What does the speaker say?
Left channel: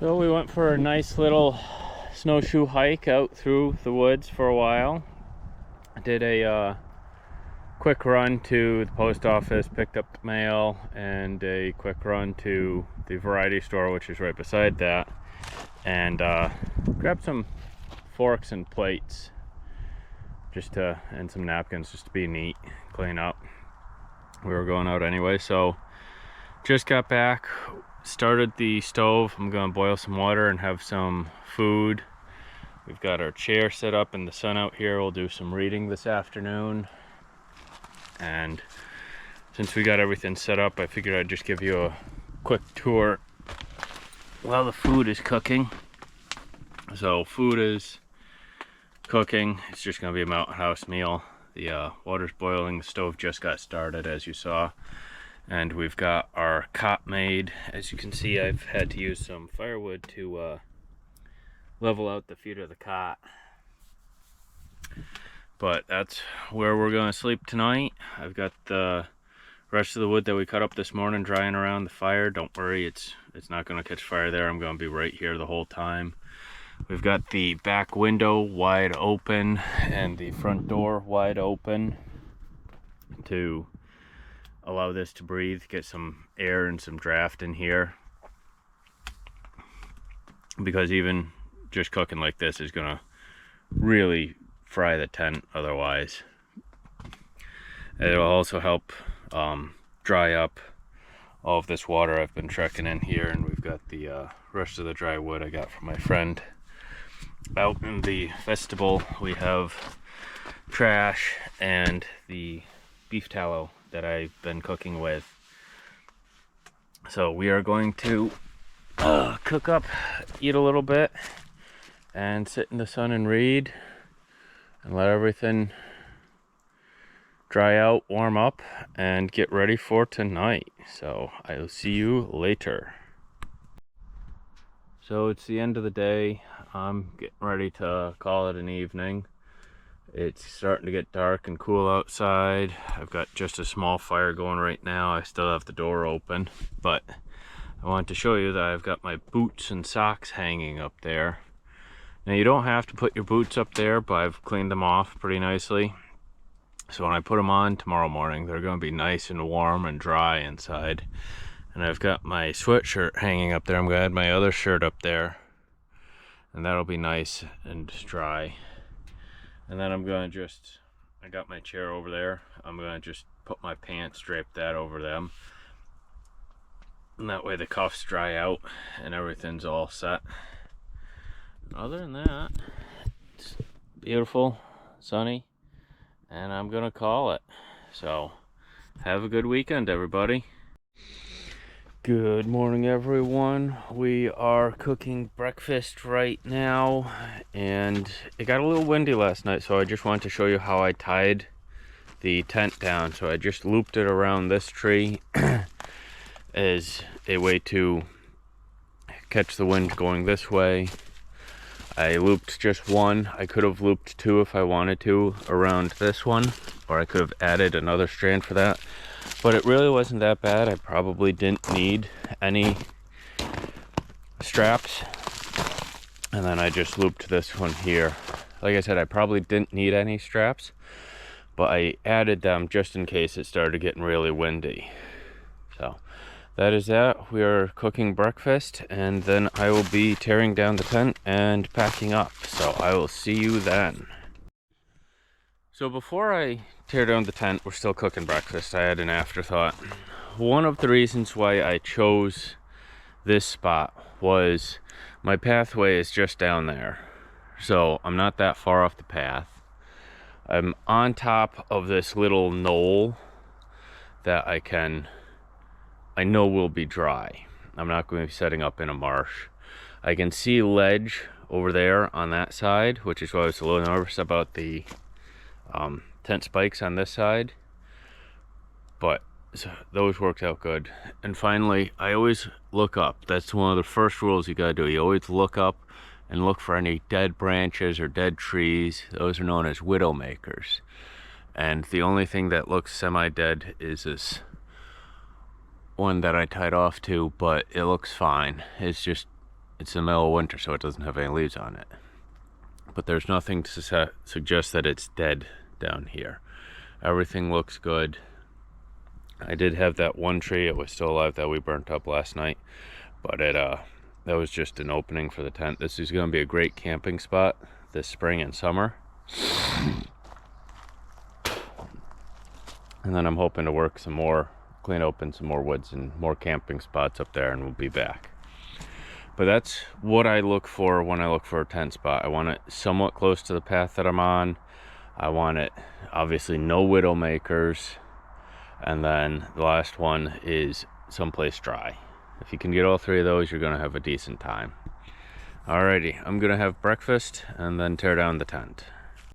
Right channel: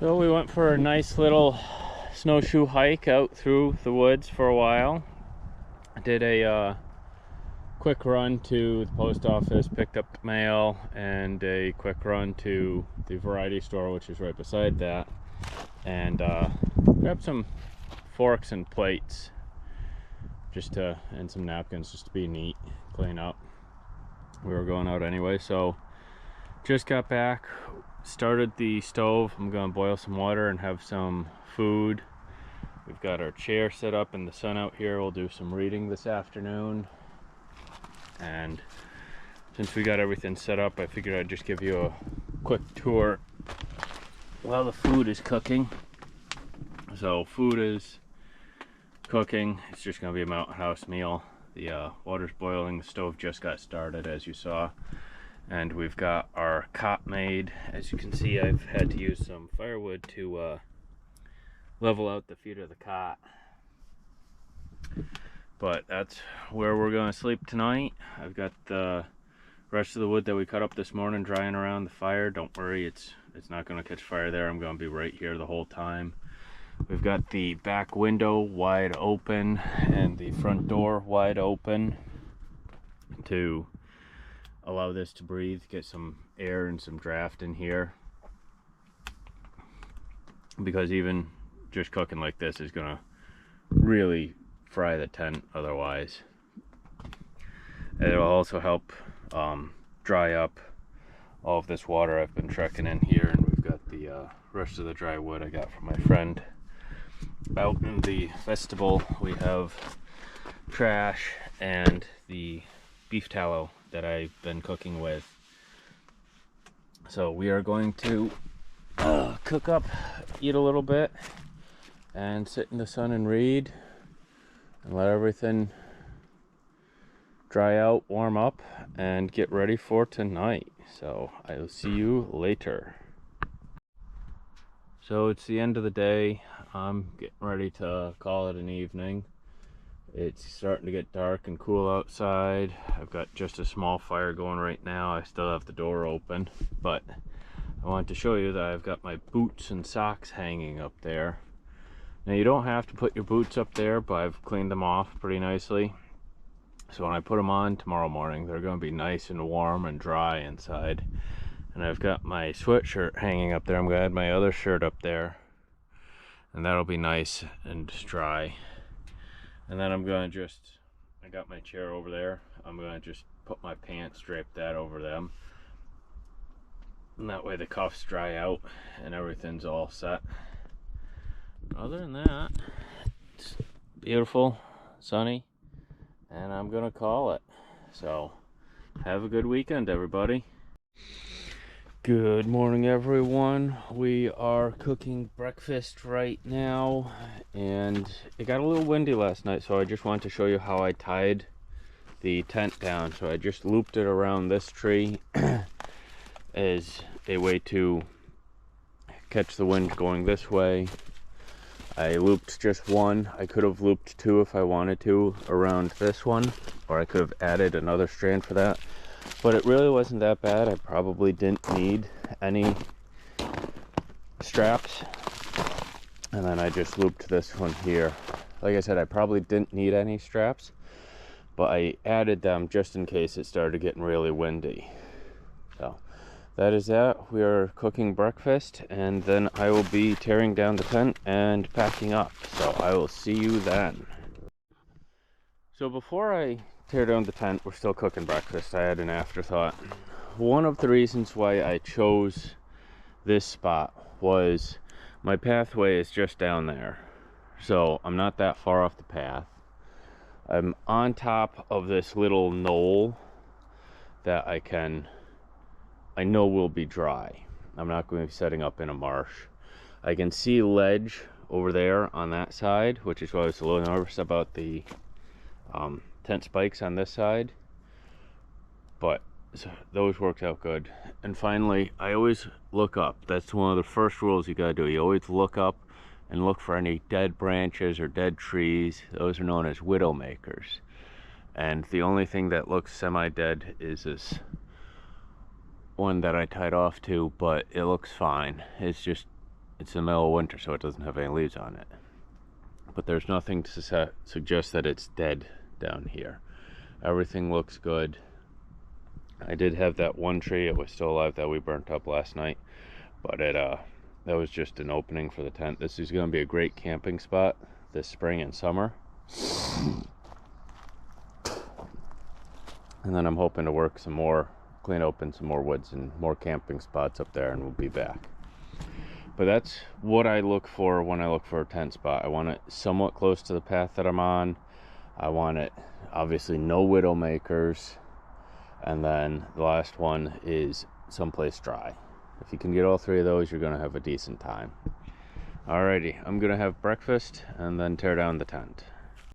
So we went for a nice little snowshoe hike out through the woods for a while. Did a quick run to the post office, picked up the mail, and a quick run to the variety store, which is right beside that, and grabbed some forks and plates and some napkins just to be neat, clean up. We were going out anyway, so just got back, started the stove. I'm gonna boil some water and have some food. We've got our chair set up in the sun out here. We'll do some reading this afternoon. And since we got everything set up, I figured I'd just give you a quick tour while the food is cooking. So food is cooking. It's just gonna be a mountain house meal. The water's boiling, the stove just got started, as you saw. And we've got our cot made. As you can see, I've had to use some firewood to level out the feet of the cot. But that's where we're gonna sleep tonight. I've got the rest of the wood that we cut up this morning drying around the fire. Don't worry, it's not gonna catch fire there. I'm gonna be right here the whole time. We've got the back window wide open and the front door wide open to allow this to breathe, get some air and some draft in here, because even just cooking like this is gonna really fry the tent otherwise. It'll also help dry up all of this water I've been trekking in here. And we've got the rest of the dry wood I got from my friend out in the vestibule. We have trash and the beef tallow that I've been cooking with. So we are going to cook up, eat a little bit, and sit in the sun and read and let everything dry out, warm up, and get ready for tonight. So I'll see you later. So it's the end of the day. I'm getting ready to call it an evening. It's starting to get dark and cool outside. I've got just a small fire going right now. I still have the door open, but I wanted to show you that I've got my boots and socks hanging up there. Now you don't have to put your boots up there, but I've cleaned them off pretty nicely. So when I put them on tomorrow morning, they're going to be nice and warm and dry inside. And I've got my sweatshirt hanging up there. I'm going to add my other shirt up there, and that'll be nice and dry. And then I'm going to I got my chair over there. I'm going to just put my pants, drape that over them. And that way the cuffs dry out and everything's all set. Other than that, it's beautiful, sunny, and I'm gonna call it. So have a good weekend, everybody. Good morning, everyone. We are cooking breakfast right now, and it got a little windy last night, so I just wanted to show you how I tied the tent down. So I just looped it around this tree as a way to catch the wind going this way. I looped just one. I could have looped two if I wanted to around this one, or I could have added another strand for that, but it really wasn't that bad. I probably didn't need any straps. And then I just looped this one here. Like I said, I probably didn't need any straps, but I added them just in case it started getting really windy. So that is that. We are cooking breakfast, and then I will be tearing down the tent and packing up. So I will see you then. So before I tear down the tent, we're still cooking breakfast. I had an afterthought. One of the reasons why I chose this spot was my pathway is just down there. So I'm not that far off the path. I'm on top of this little knoll that I know will be dry. I'm not going to be setting up in a marsh. I can see ledge over there on that side, which is why I was a little nervous about the tent spikes on this side. But those worked out good. And finally, I always look up. That's one of the first rules you gotta do. You always look up and look for any dead branches or dead trees. Those are known as widow makers. And the only thing that looks semi-dead is this one that I tied off to, but it looks fine. It's just it's the middle of winter, so it doesn't have any leaves on it. But there's nothing to suggest that it's dead down here. Everything looks good. I did have that one tree, it was still alive, that we burnt up last night, but that was just an opening for the tent. This is going to be a great camping spot this spring and summer. And then I'm hoping to work some more, clean open some more woods and more camping spots up there, and we'll be back. But that's what I look for when I look for a tent spot. I want it somewhat close to the path that I'm on. I want it, obviously, no widowmakers. And then the last one is someplace dry. If you can get all three of those, you're going to have a decent time. Alrighty, I'm going to have breakfast and then tear down the tent.